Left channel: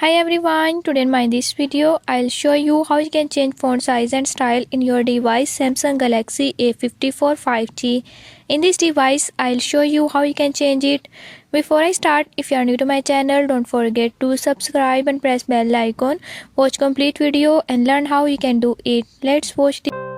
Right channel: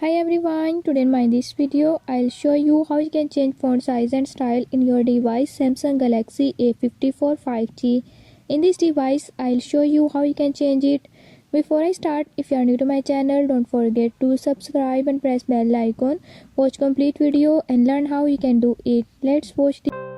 Hi everyone, today in this video I'll show you how you can change font size and style in your device Samsung Galaxy A54 5G. In this device I'll show you how you can change it. Before I start, if you are new to my channel, don't forget to subscribe and press bell icon. Watch complete video and learn how you can do it. Let's watch the